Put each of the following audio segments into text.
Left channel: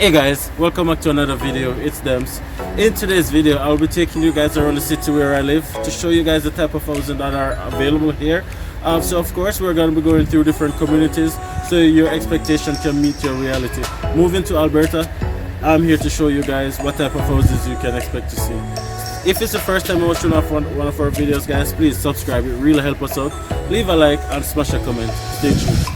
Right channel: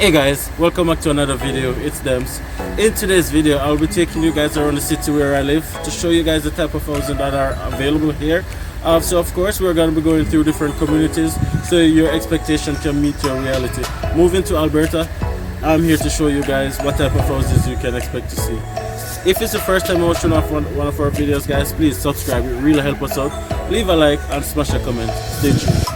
Hey guys, welcome back to another video. It's Dems. In today's video, I'll be taking you guys around the city where I live to show you guys the type of housing that are available here. So of course, we're going to be going through different communities so your expectation can meet your reality. Moving to Alberta, I'm here to show you guys what type of houses you can expect to see. If it's the first time you're watching one of our videos, guys, please subscribe. It really helps us out. Leave a like and smash a comment. Stay tuned.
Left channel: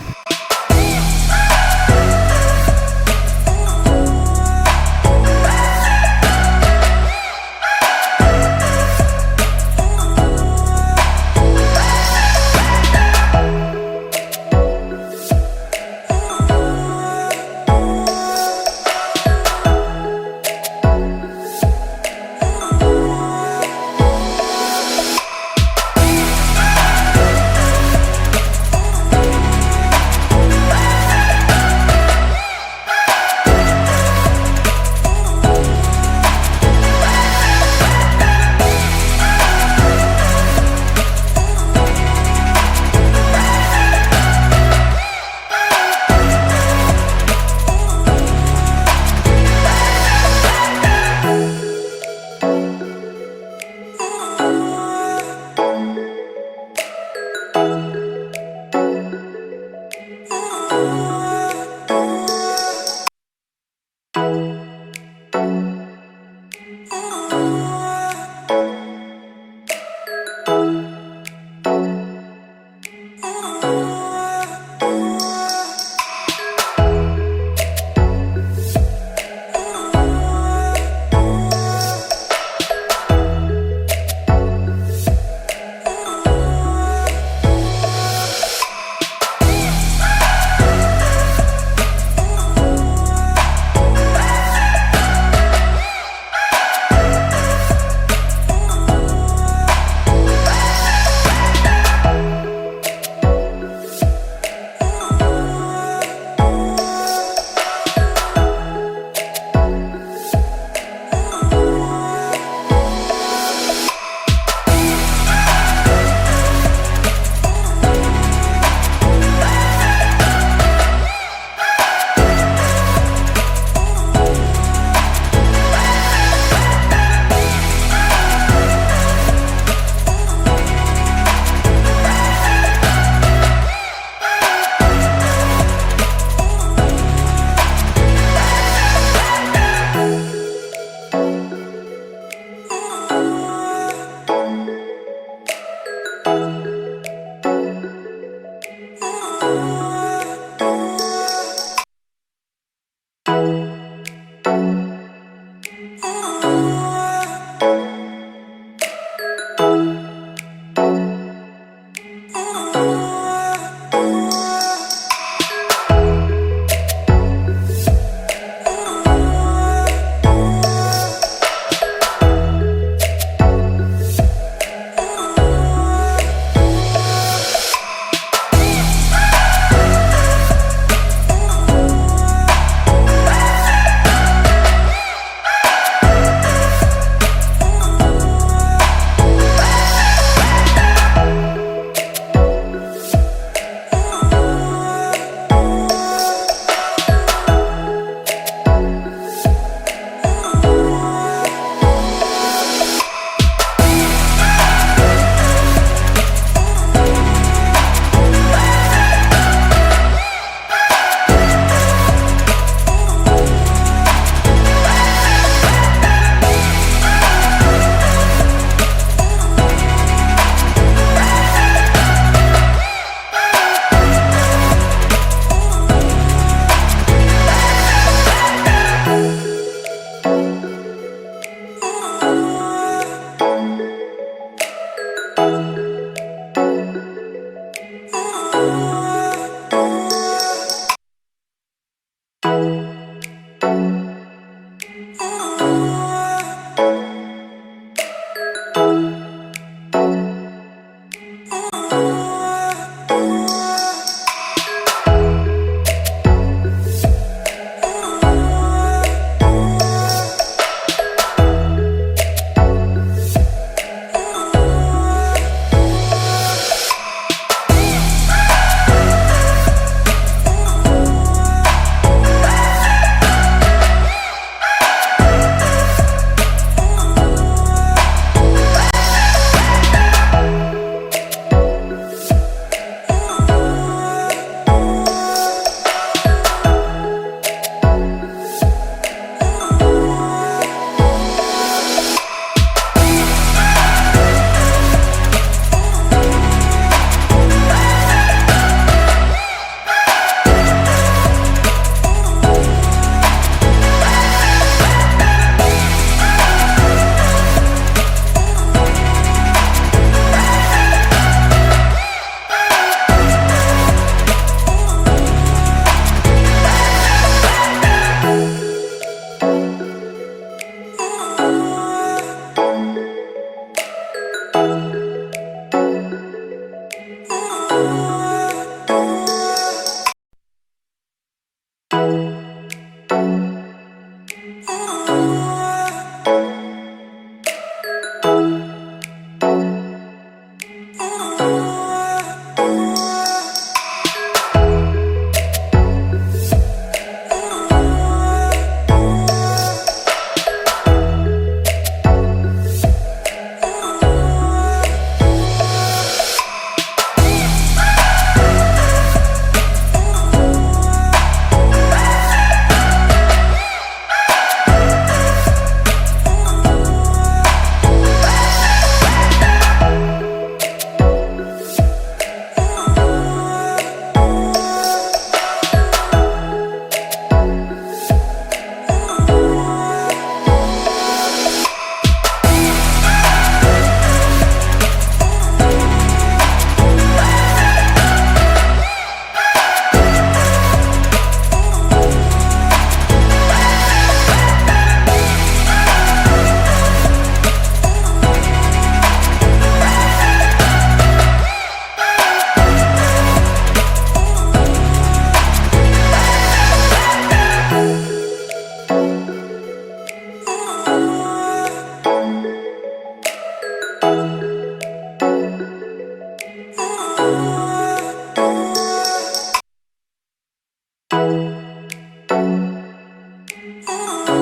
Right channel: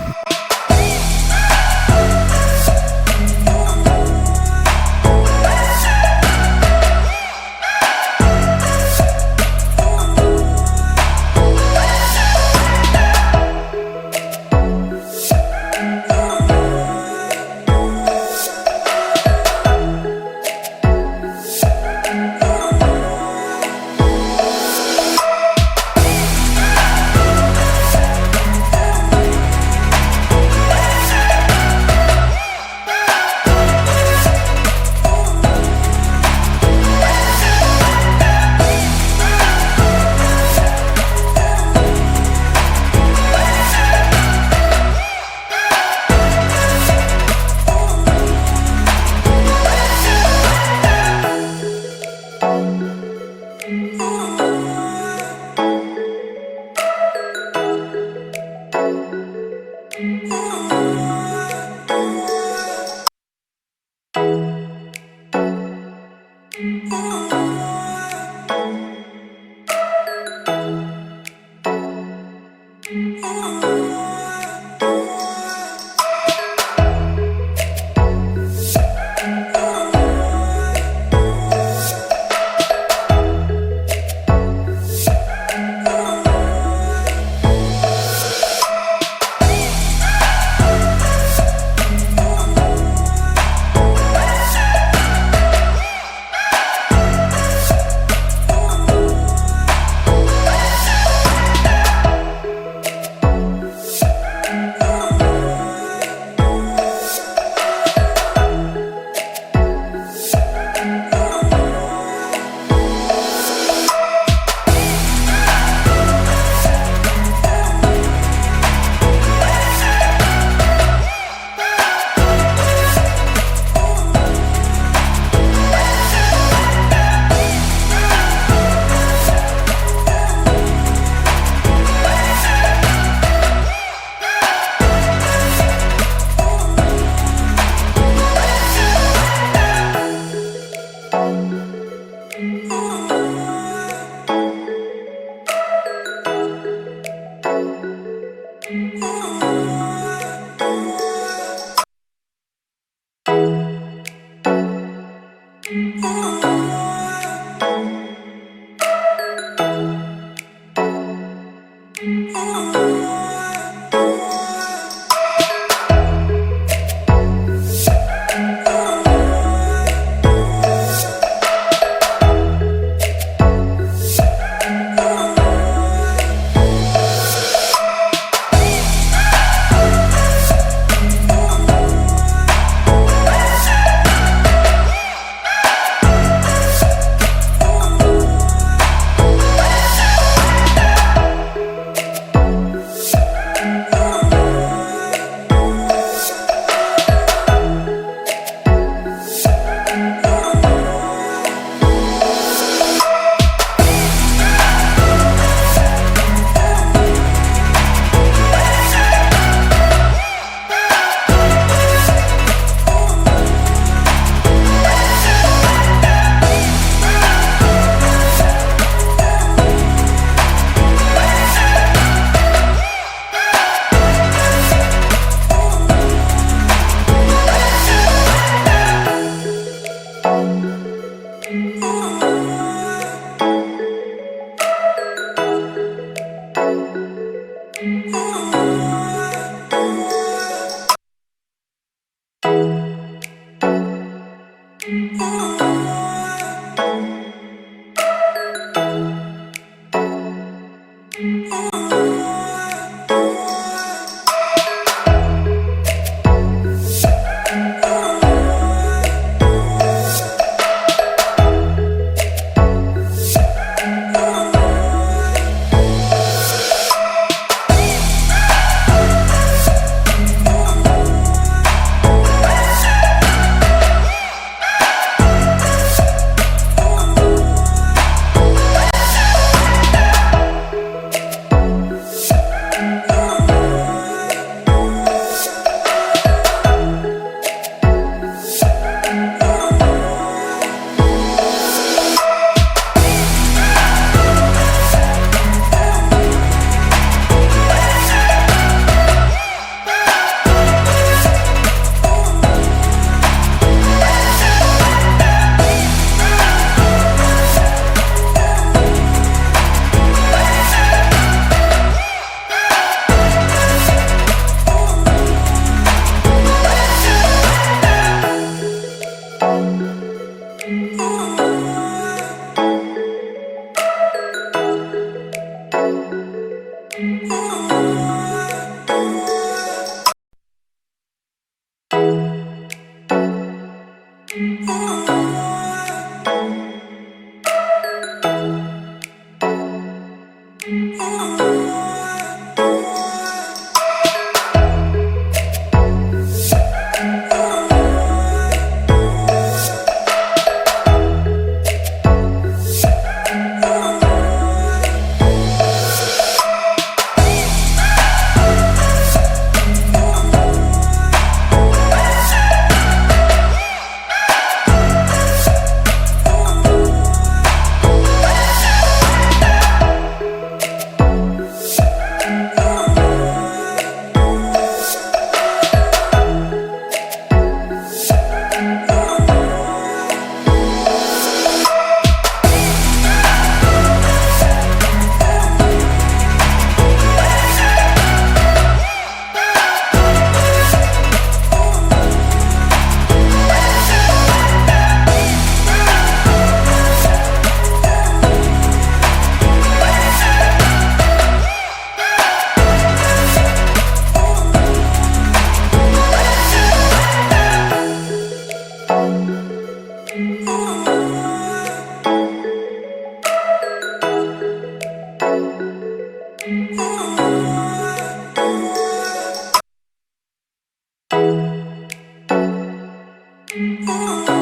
Oh.